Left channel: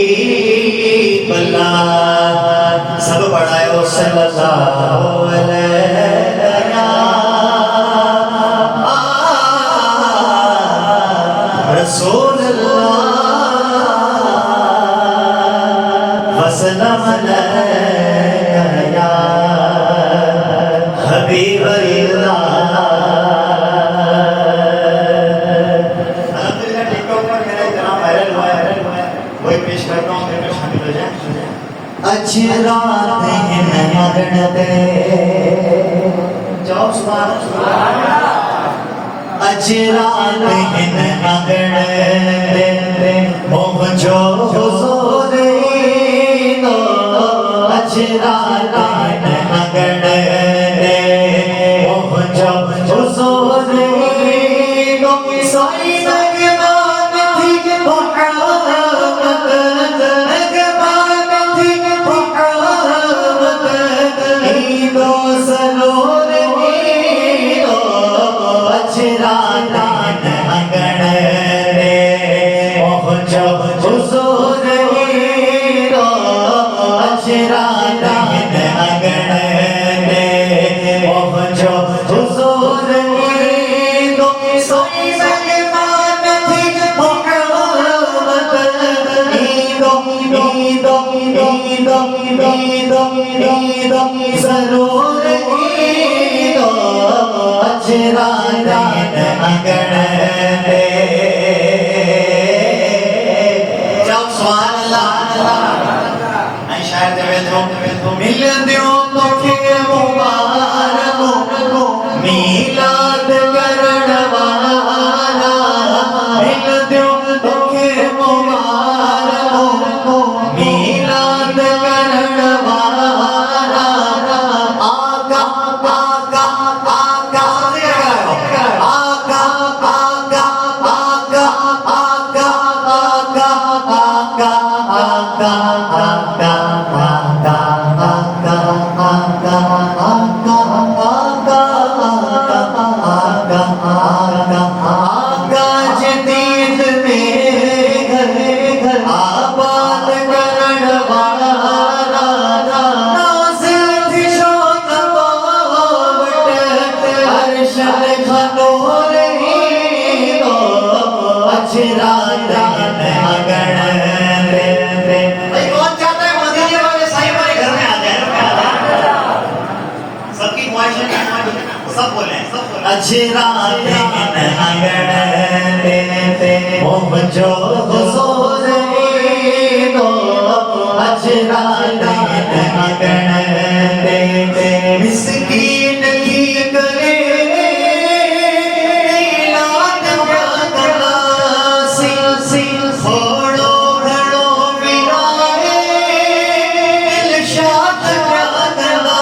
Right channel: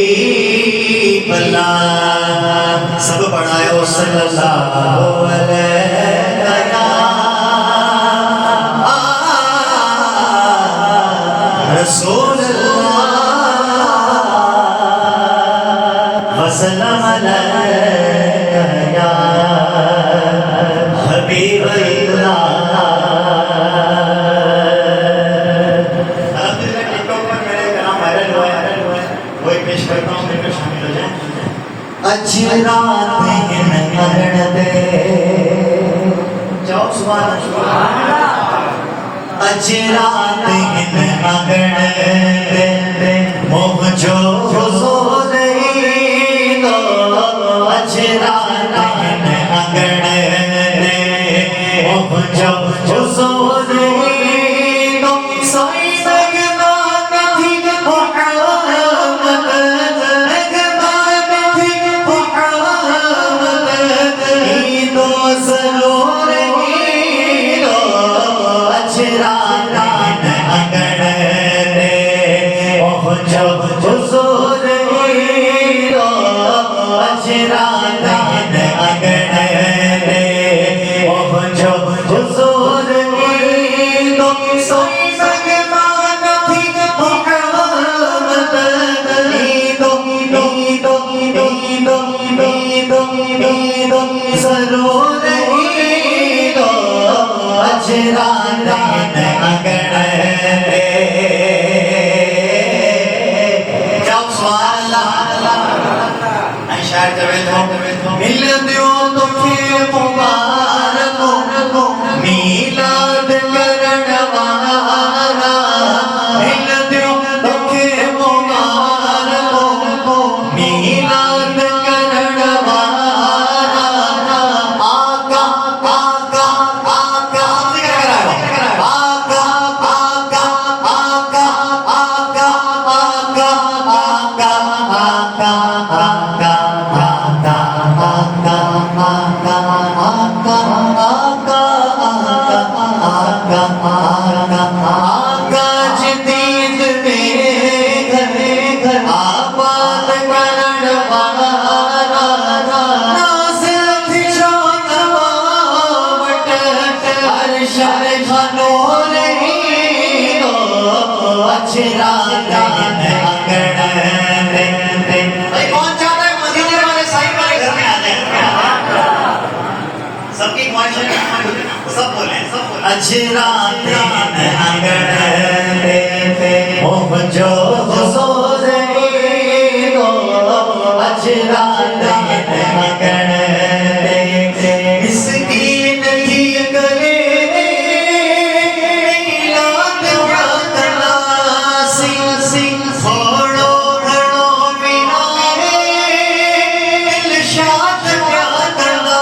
हबीब अल्लाह सब पढ़ायो सल्लल्लाहु अलैहि रसूल अल्लाह वसल्लम अलैया हबीब अल्लाह। अजरात मगन दे जाओ सुभान अल्लाह। अजरात मगन दे मोह जो हुजूर दो अजरात मगन दे मोह जो हुजूर दो साई मगबान थी जरूर अजरात मगन दे जाओ सुभान अल्लाह। शायर जब मिल दियो तोखे मुबारक मीलाद करण वाला मिल दियो तोखे मुबारक मीलाद करण वाला आका आका आका आका आका आका आका आका आका आका सब बोले अजरात मगन दे मोह जो हुजूर दो अजरात मगन दे मिस्कीन की गले मीलाद वाला सिंह छोड़ो घड़ो मिलाए दिलशाद प्यादला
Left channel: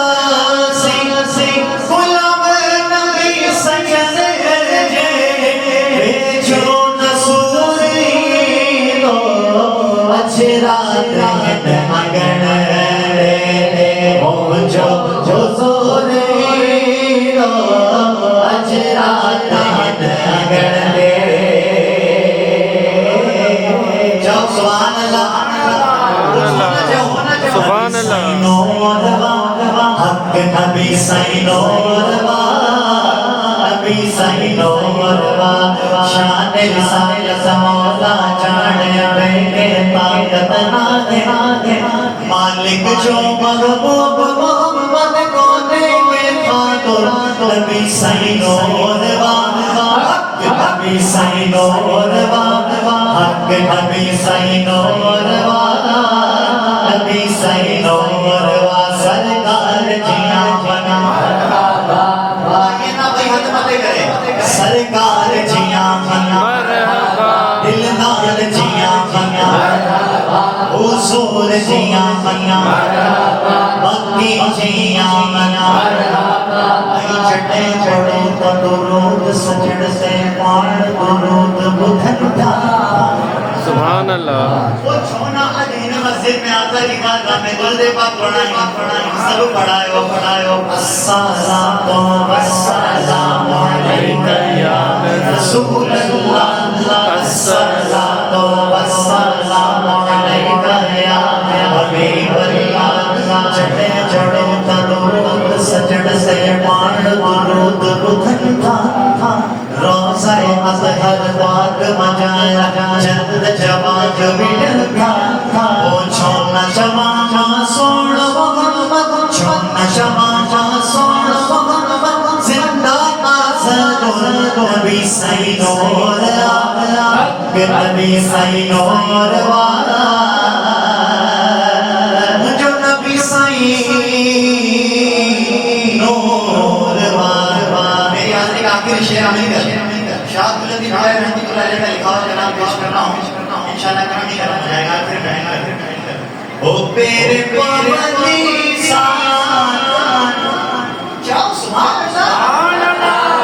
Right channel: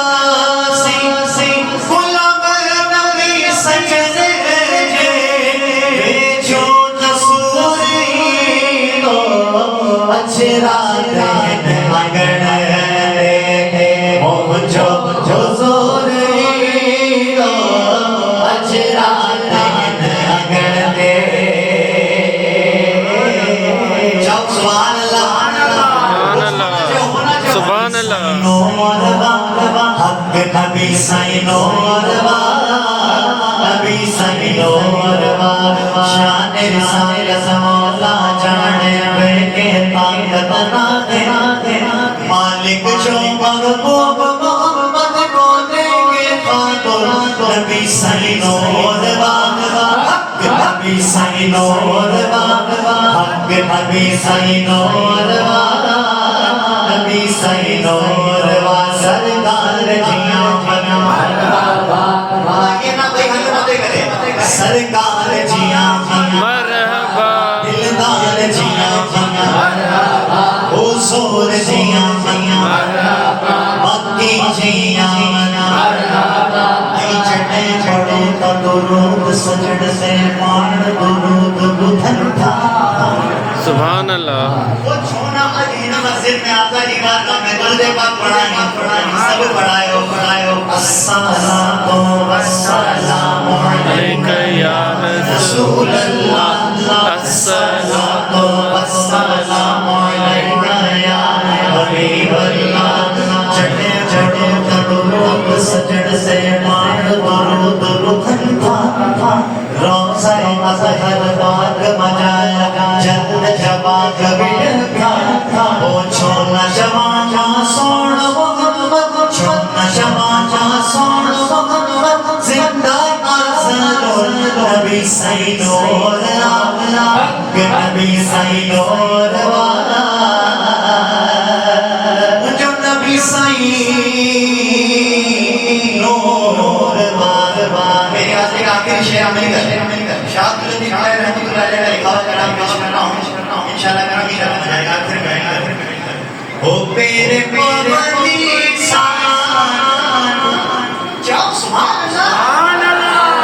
सिंह गुलाम नबी सजदे जे बेचो नसूरी दो अजरात मगन दे मोह जो हुजूर दो अजरात मगन दे जाओ सुभान अल्लाह सुभान अल्लाह। हक नबी साईं नूरवा नबी साईं नूरवा शान रिसालत मौला जाने के ताकत ना दे मालिक जो महबूब मोहम्मद को देंगे खातुर नबी साईं नूरवा हक नबी साईं नूरवा हक नबी साईं नूरवा नबी साईं नूरवा सरकार जिया बना ये ना भाई हक मत करे सरकार जिया बना मरहबा दिलदार जिया बना हुजूर जिया बना मक्की जिया बना आई चटे छोड़े तो दुरूद सजद से पाण दुरूद बुधन था सुभान अल्लाह। वो छोना अजीन मस्जिद में आता लिबास में गुरुदेव पाक पढ़ाई सब पढ़ायो अस्सलातु वस्सलामु अलैका या रसूल रसूल अल्लाह अस्सलातु वस्सलामु जवा जबिड़ था ओ छोना जवा सोण छोना जवा सोण जिंदा नबी सही नूर आला नबी सही नूर वाला जो नबी सही नूर वाला मेरी आखिरी आखिरी शेर अमेरिका शाद लदी खाए रहती को लाले का लिखा हुआ नाम पेश करना हूं इंशाल्लाह करना इंशाल्लाह जाएगा फिर बैठ ओ पेरे पवनी सान जाओ सुभान अल्लाह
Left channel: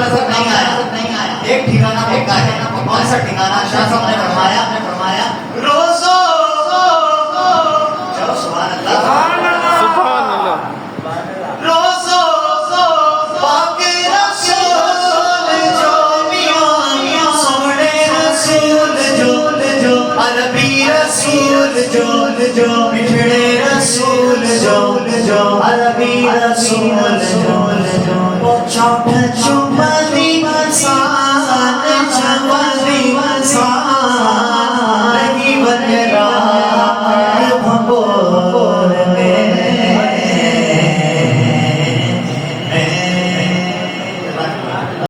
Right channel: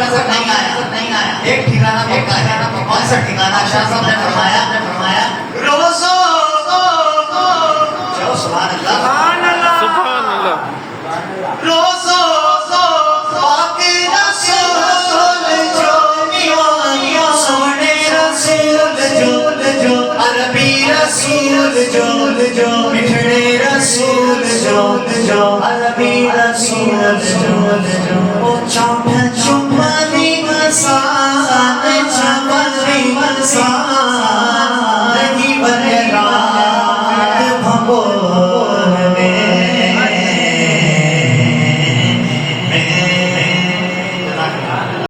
नजर नहीं आया एक ठिकाना बेका है कौन सा ठिकाना शाह साहब ने फरमाया रोज़ो चलो सुभान अल्लाह सुभान अल्लाह रोज़ो पाक रसूल जो मियां सोने रसूल जो अरबी रसूल जो मिठड़े रसूल जो अरबी रसूल जो